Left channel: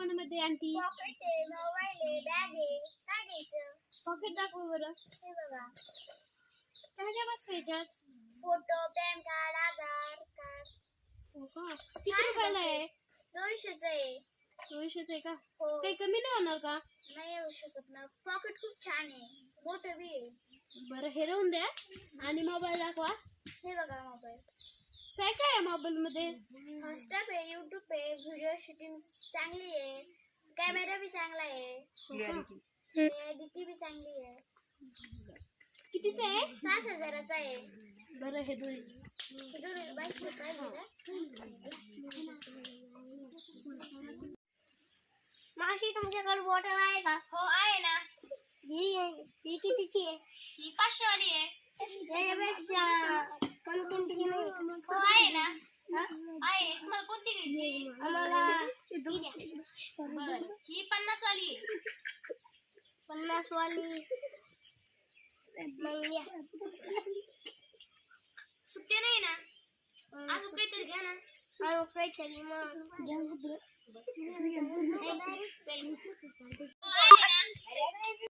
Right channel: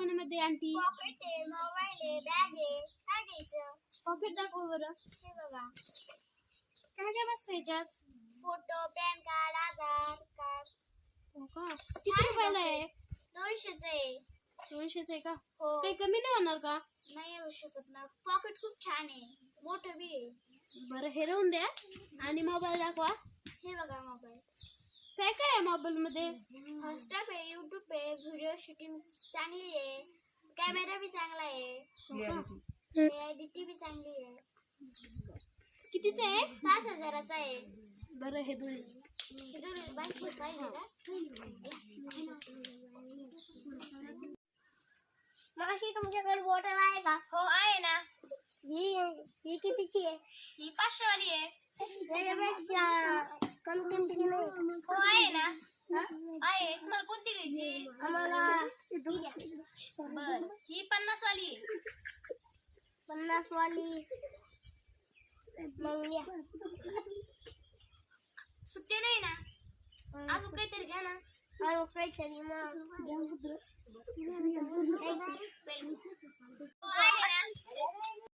दुकानामध्ये aunty? Pocket आहे, mobile आहे, बॅग आहे. काय घ्यायचं? पॉकेट दाखव बरं. हे बघा. काय काय बसतं याच्यात? फोटो, पॅन कार्ड, आधार कार्ड. हो का? किती रुपयाला आहे? 200चं आहे. 200चं आहे का? हो. काही कमी नाही होणार का? नाही येऊ शकत ना. पॉकेट खूप छान आहे, मोठं बी आहे. बरं हे राहून द्या आणि मोबाईल दाखवा. हे बघा मोबाईल. काय काय आहे मोबाईल मध्ये? हॉटस्टार आहे, युट्यूब आहे, व्हिडिओ शूटिंग चांगली आहे, कॅमेरा बी चांगला आहे, एडिटिंग बी चांगली आहे. कितीचं आहे? 5,000चा आहे. बरं हे दोन हे दोन बाईकचे पाहिजे का? मावशी तुमच्याकडे बॉटल आहे का? हो आहे ना. ही कितीची आहे? ही 500 वाली आहे. त्याच्यापेक्षा कमी किमतीची नाही? हो आहे ना. आहे. तुम्हाला कोणती घ्यायची? आम्हाला बर ही 50 वाली आहे. 50 वाली मग घ्या. सुट्टे नाही ना? अजून काहीतरी घ्या ना. अजून काहीतरी मग